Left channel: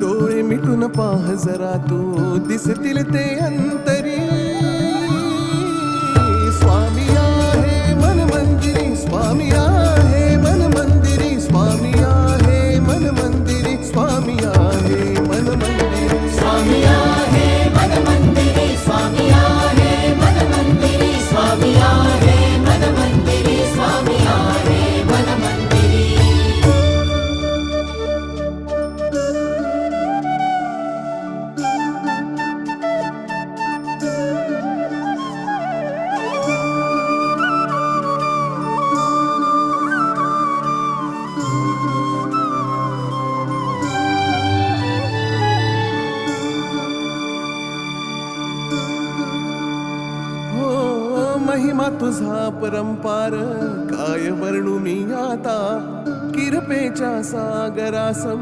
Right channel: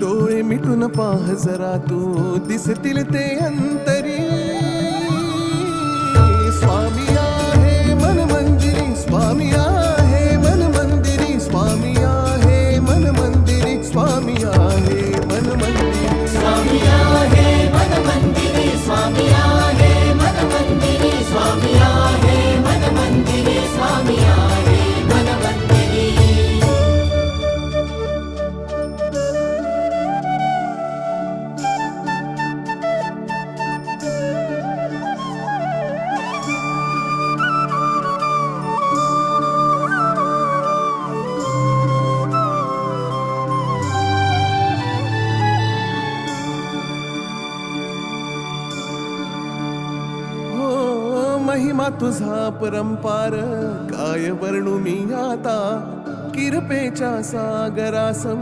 डोळे मिटून पाह जरा तू दिसतील ते अंतरी. स्वामी आहे मन मंदिरी, स्वामी आहे मन मंदिरी, स्वामी आहे मन मंदिरी, स्वामी आहे मन मंदिरी. स्वामी आहे मन मंदिरी, स्वामी आहे मन मंदिरी, स्वामी आहे मन मंदिरी, स्वामी आहे मन मंदिरी. महिमा तुझा परंपार काय वर्णू मी आता. किरपेच्या सागरासम